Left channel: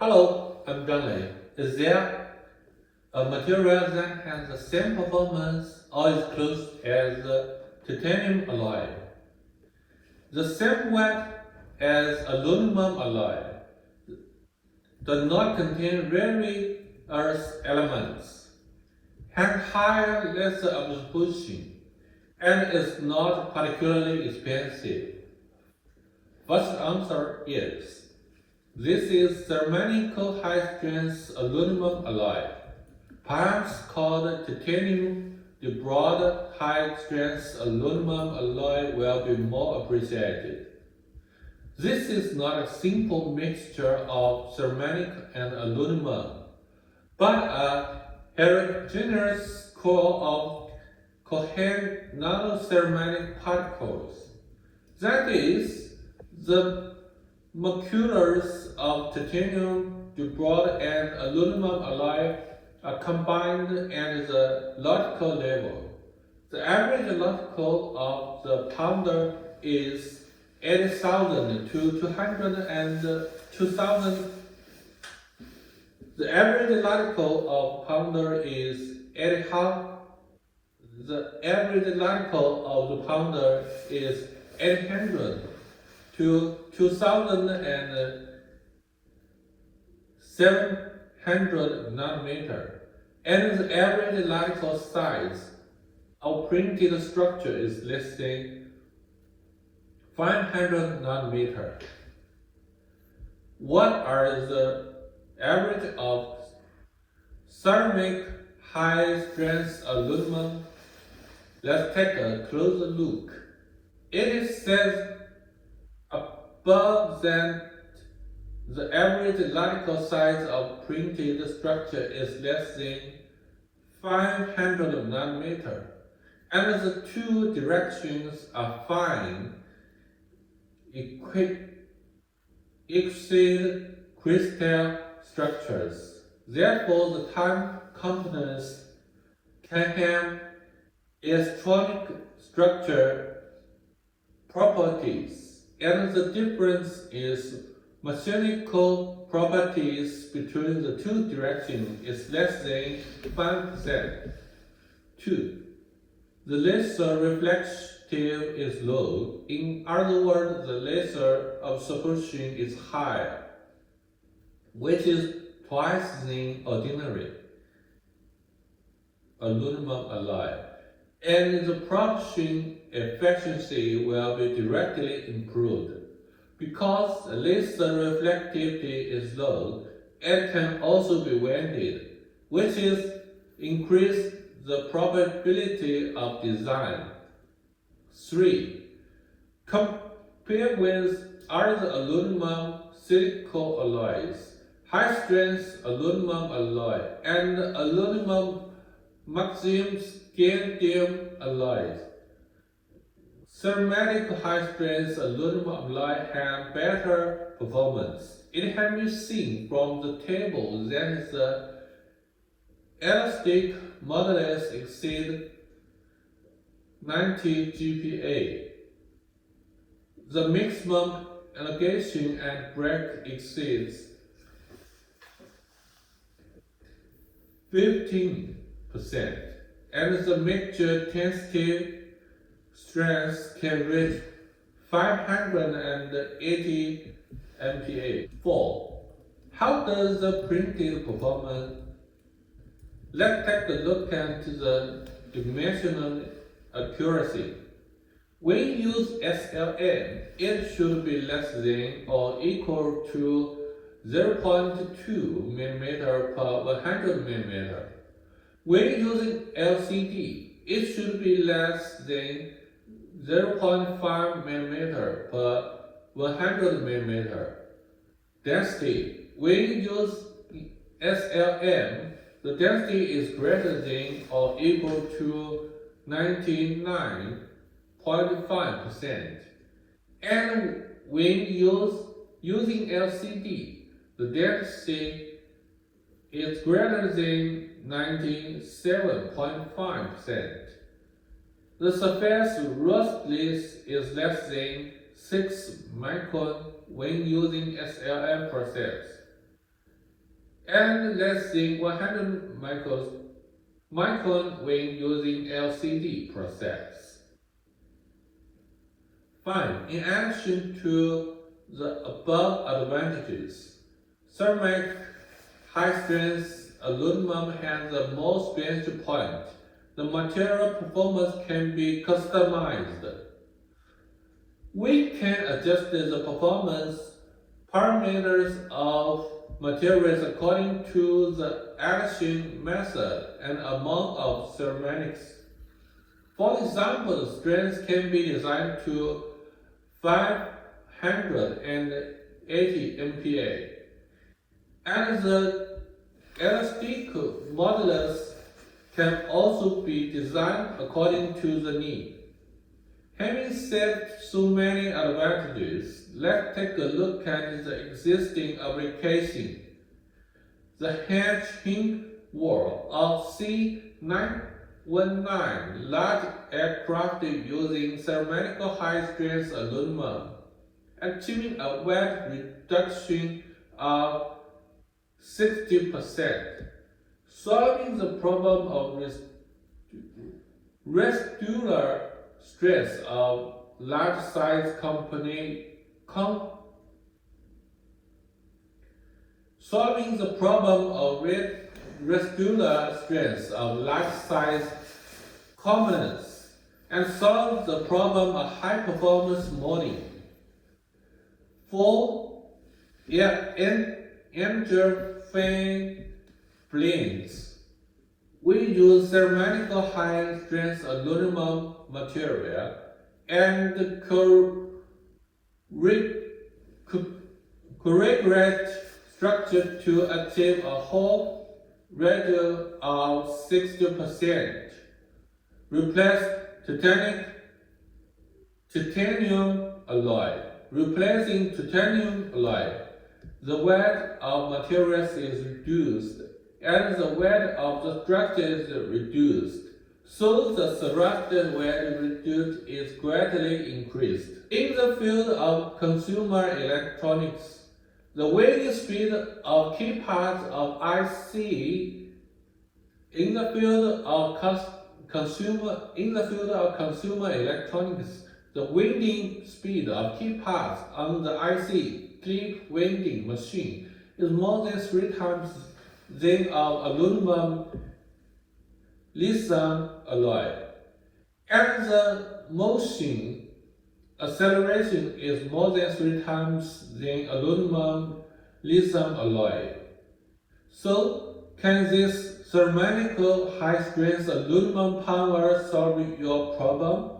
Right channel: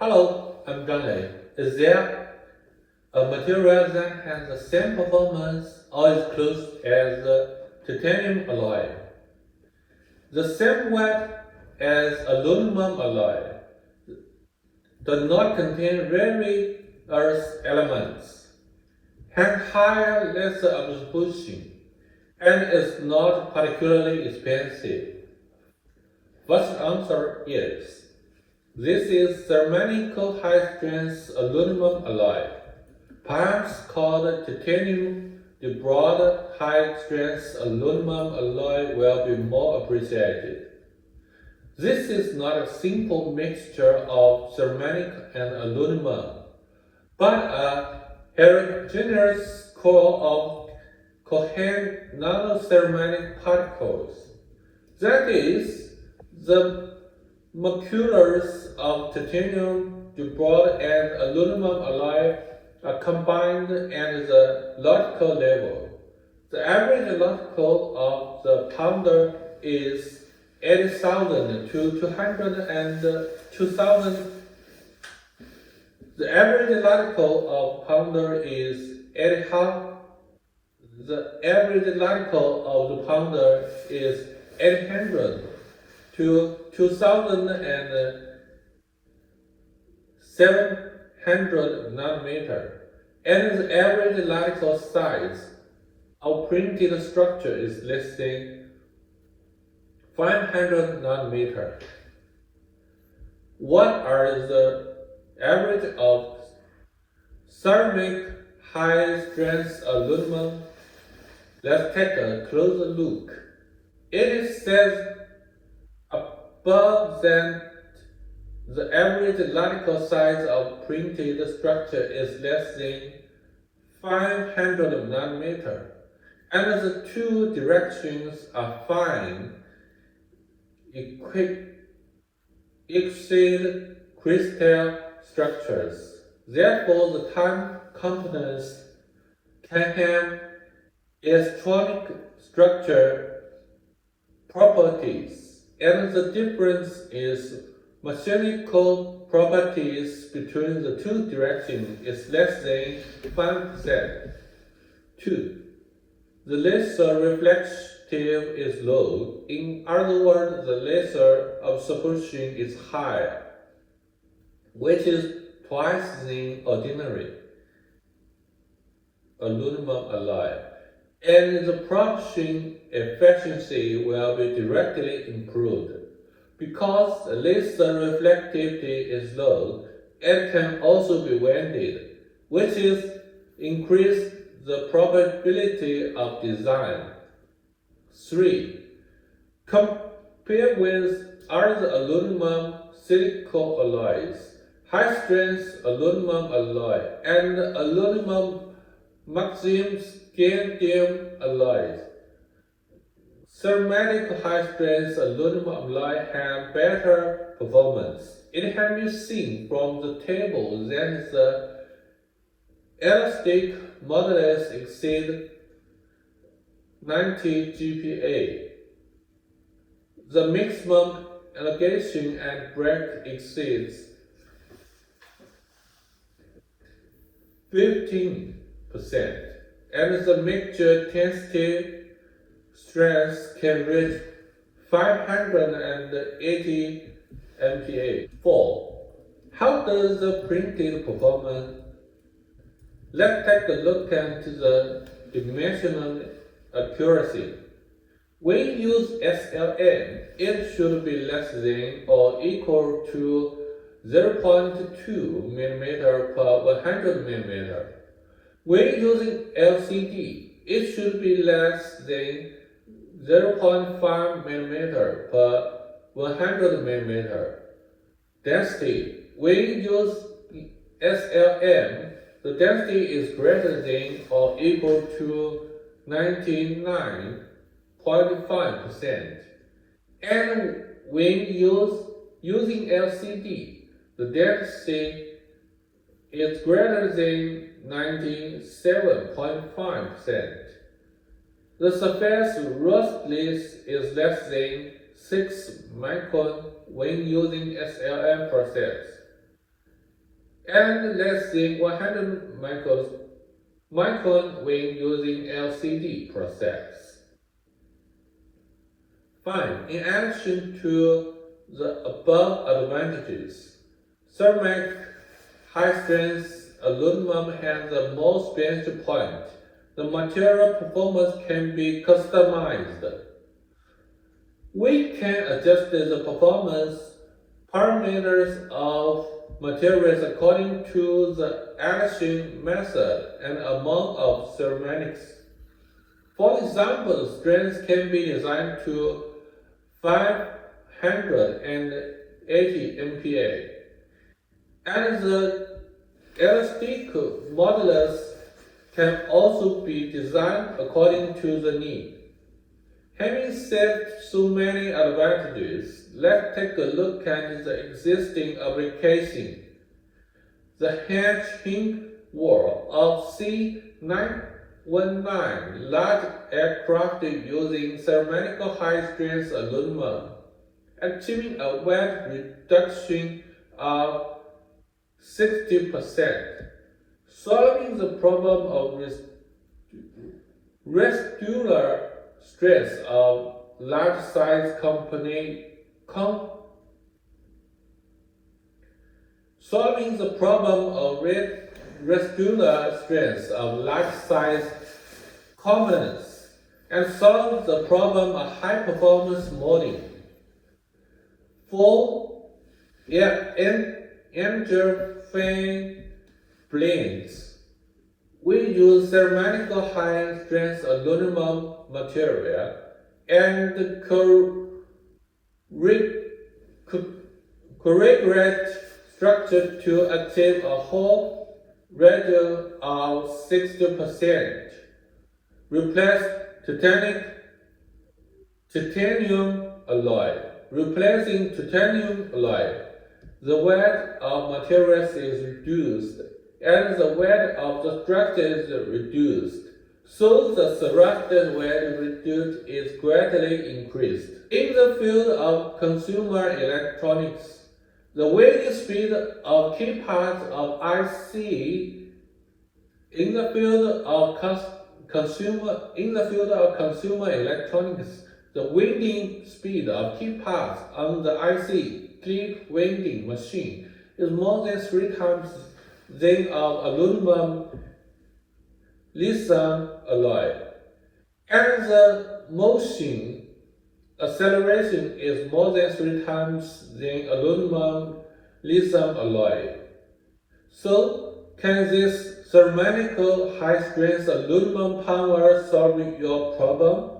Hello, I'm Johnny. Is there a material that has the same performance or is close as the titanium alloy? The same weight as aluminum alloy does not contain rare earth elements, has higher laser absorption, and is not particularly expensive. First answer is this is thermally high-strength aluminum alloy, perhaps called titanium. The broad high-strength aluminum alloy will be more appreciated. This is not a simple mixture of ceramic and aluminum, but a heterogeneous core of coherent nanoceramic particles. That is, the molecules of titanium, diboride, and aluminum alloy are combined at the logical level. The average logical of the pounder is 80,000 to 202,000. The average logical of pounder is 80,000. The average logical of the pounder is 800 to 2,700 nanometer, and the average logical size of printed structure is less than 500 nanometer. What are the average of ceramic high-strength aluminum? Let's take a closer look. It says above that the average logical size of printed structure is less than 500 nanometer, and the two directions are fine, exceed crystal structures. Therefore, the time components can have electronic structure properties, and the difference is mechanical properties between the two directions is less than 5%. 2. The laser reflective is low. In other words, the laser absorption is higher, which is twice the ordinary aluminum alloy, and the production efficiency will be directly improved. Because the laser reflectivity is low, it can also be winded, which is increase the probability of design. 3. Compared with other aluminum silicon alloys, high-strength aluminum alloy, and aluminum magnesium scandium alloys, ceramic high-strength aluminum alloy have better performance. It can be seen from the table that the elastic modulus exceeds 90 GPa. The maximum elongation and break exceeds 15%, and the mixture tensity strength can reach 580 MPa. 4. How does the printed performance? Let's take a look at the dimensional accuracy. When you use SLM, it should be less than or equal to 0.2 mm per 100 mm. When using LCD, it should be less than 0.5 mm per 100 mm. Density. When you use SLM, the density is greater than or equal to 99.5%. And when using LCD, the density is greater than 97.5%. The surface roughness is less than 6 micron when using SLM process. and less than 100 micron when using LCD process. Fine. In addition to the above advantages, ceramic high-strength aluminum has the most benefit point. The material performance can be customized. We can adjust the performance parameters of materials according to the addition method and amount of ceramics. For example, the strength can be designed to 580 MPa, and the elastic modulus can also be designed according to the need. Having said so many advantages, let's take a look at the existing application. The hatching wall of C919 large aircraft using ceramic high-strength aluminum, achieving a weight reduction of 60%, solving the problem of residual stress of large-size solving the problem of residual stress of large-size components, and solve the problem of high-performance molding. For engine planes, we use ceramic high-strength aluminum material and correct structure to achieve a whole radius of 60%. Replace titanium alloy. Replacing titanium alloy, the weight of materials is reduced and the weight of the structure is reduced, so the surrounding weight reduced is greatly increased. In the field of consumer electronics, the weighting speed of key parts of IC in the field of consumer electronics, the winding speed of key parts on the IC clip winding machine is more than 3 times that of aluminum lithium alloy, and the motion acceleration is more than 3 times than aluminum lithium alloy. So, can this ceramic high-strength aluminum power solve your problem?